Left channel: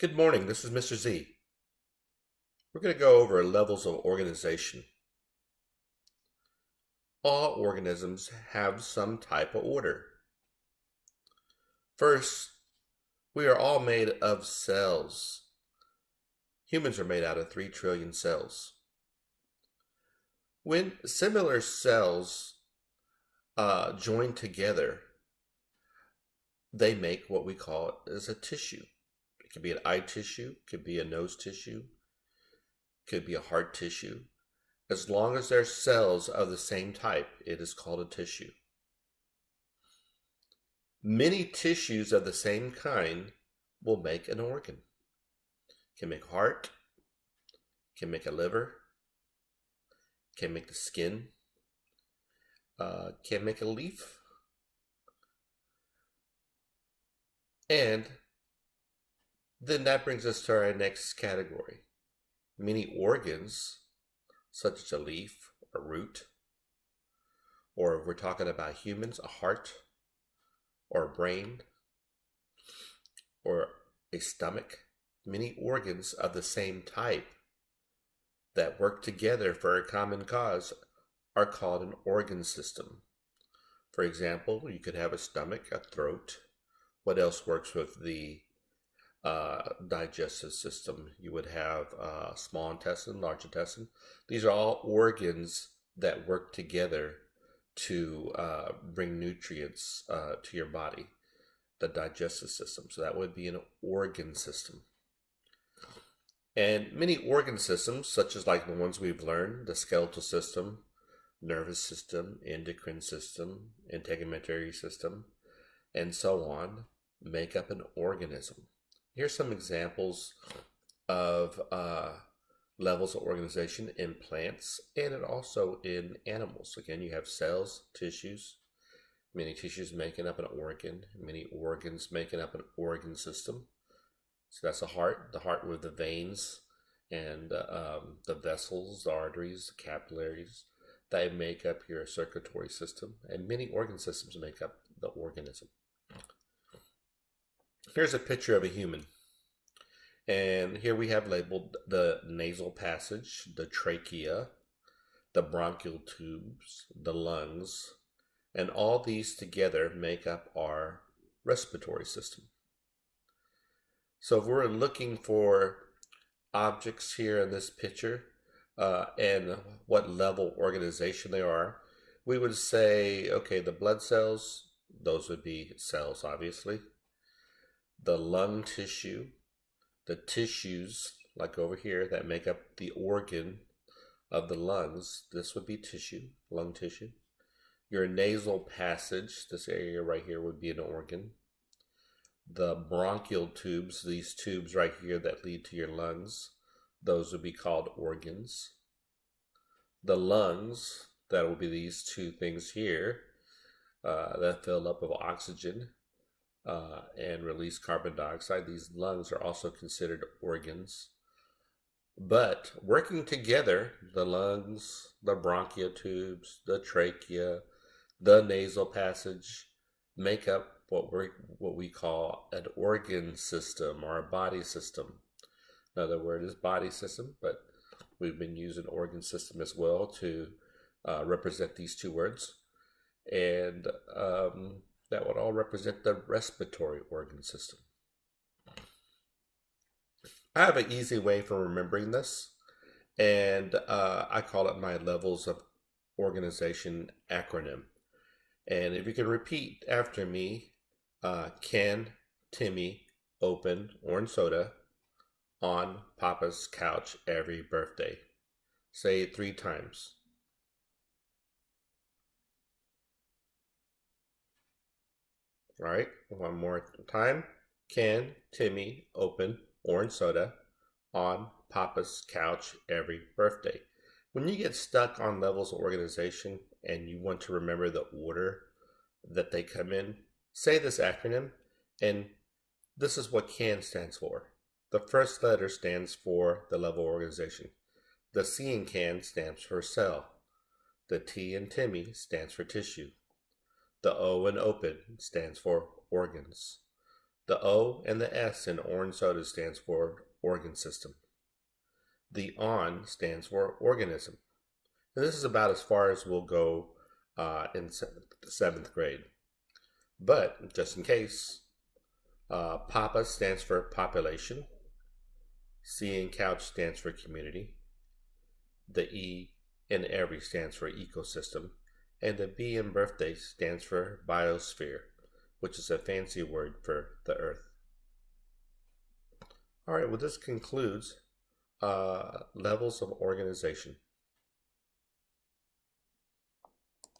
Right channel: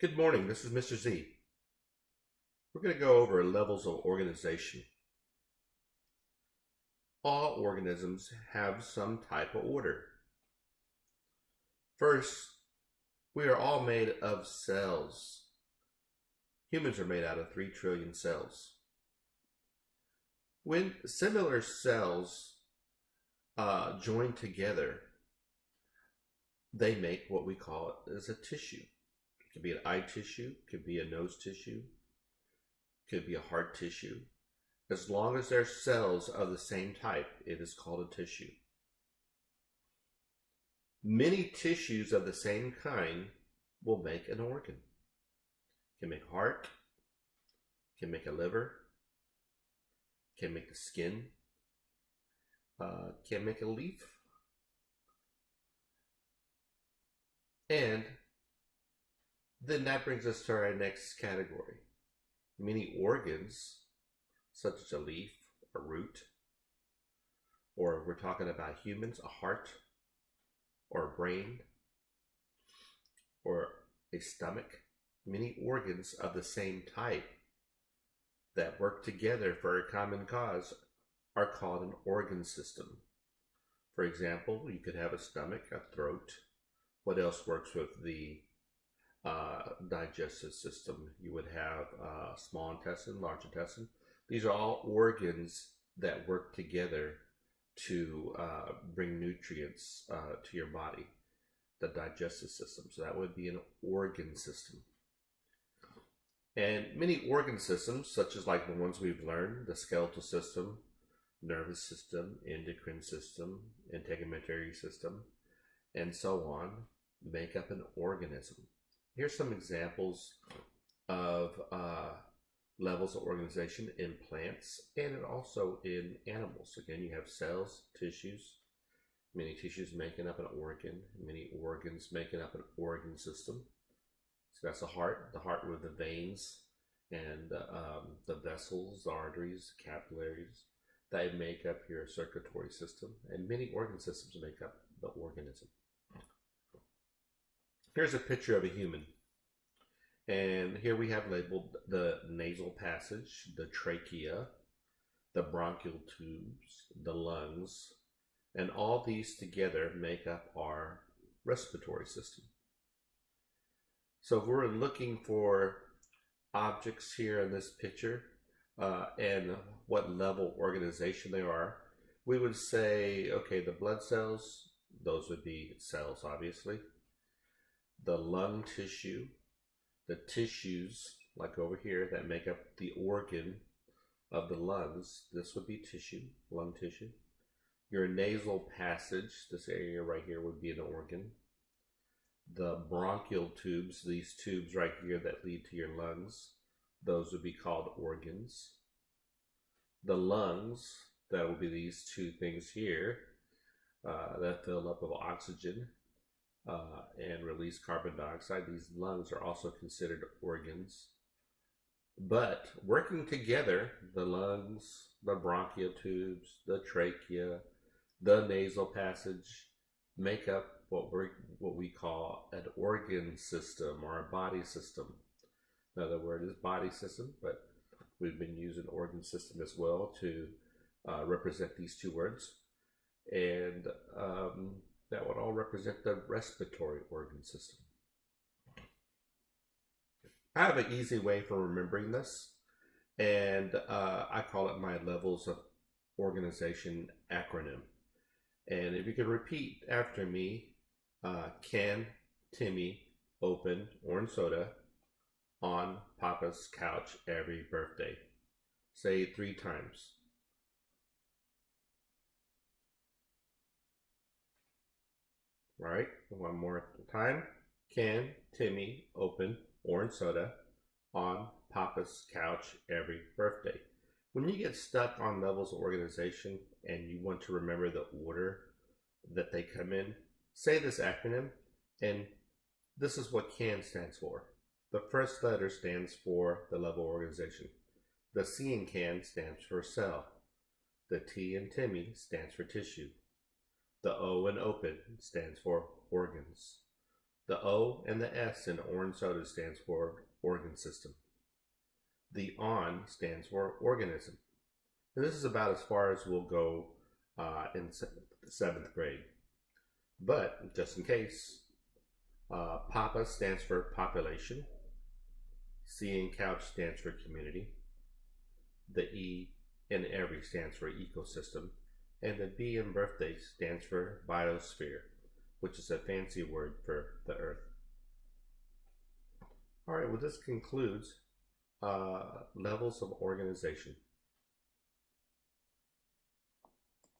Good morning, this is Mr. Z. We're going to go over levels of organization. All organisms have some type of order. First, we are all made of cells. Humans are made out of 3 trillion cells. When similar cells join together, they make what we call as a tissue. It could be an eye tissue, could be a nose tissue, could be a heart tissue. As long as they're cells of the same type, it is called a tissue. Many tissues of the same kind will make an organ. Can make a heart, can make a liver, can make the skin, can make a leaf. And then that brings us to our next category. Many organs, such as a leaf, a root, or if we're talking about humans, a heart, or a brain, or a stomach, many organs of the same type that work together for a common cause are called an organ system. For example, you could have a stomach, a throat. What else works with the digestive system? You would have small intestine, large intestine. These are all organs that work together to bring nutrients to your body, the digestive system. So that would be an organ system. And many organ systems, such as like the ones we've learned, the skeletal system, nervous system, endocrine system, integumentary system, and so on, make up an organism. Here's some examples of levels of organization in plants and also in animals. Again, you have cells, tissues, many tissues making up an organ, many organs making up an organ system. So that's the heart with the veins and the vessels, the arteries, the capillaries that make up your circulatory system. And many organ systems make up the organism. Here's a picture of a human. And here we have labeled the nasal passage, the trachea, the bronchial tubes, the lungs, and all these together make up our respiratory system. So if we're looking for objects here in this picture and what level organization they are, we would say, okay, the blood cells, those would be cells, obviously. The lung tissue, the tissues, like over here, that make up the organ of the lungs, this would be tissue, lung tissue. Your nasal passage, this area right here would be an organ. The bronchial tubes, these tubes right here that lead to your lungs, those would be called organs. The lungs, that will be these two things here that fill up with oxygen and release carbon dioxide. These lungs are also considered organs. But working together, the lungs, the bronchial tubes, the trachea, the nasal passage make up what we call an organ system or a body system. Another word is body system, but we've been using organ system as well to represent these two words. And that would all represent the respiratory organ system. I have an easy way for remembering this, and I call it my levels of organization acronym. And if you can repeat after me, can Timmy open orange soda on Papa's couch every birthday? Say it 3 times. All right, one more time. Can Timmy open orange soda on Papa's couch every birthday? When you get stuck on levels of organization and you want to remember the order that they come in, say this acronym, and this is what CAN stands for. The first letter stands for the level of organization. The C in CAN stands for cell. The T in Timmy stands for tissue. The O in open stands for organs. The O and the S in orange soda stands for organ system. The ON stands for organism. And this is about as far as we'll go in seventh grade. But just in case, PAPA stands for population. C in couch stands for community. The E in every stands for ecosystem. And the B in birthday stands for biosphere, which is a fancy word for the earth. All right, well, this concludes levels of organization.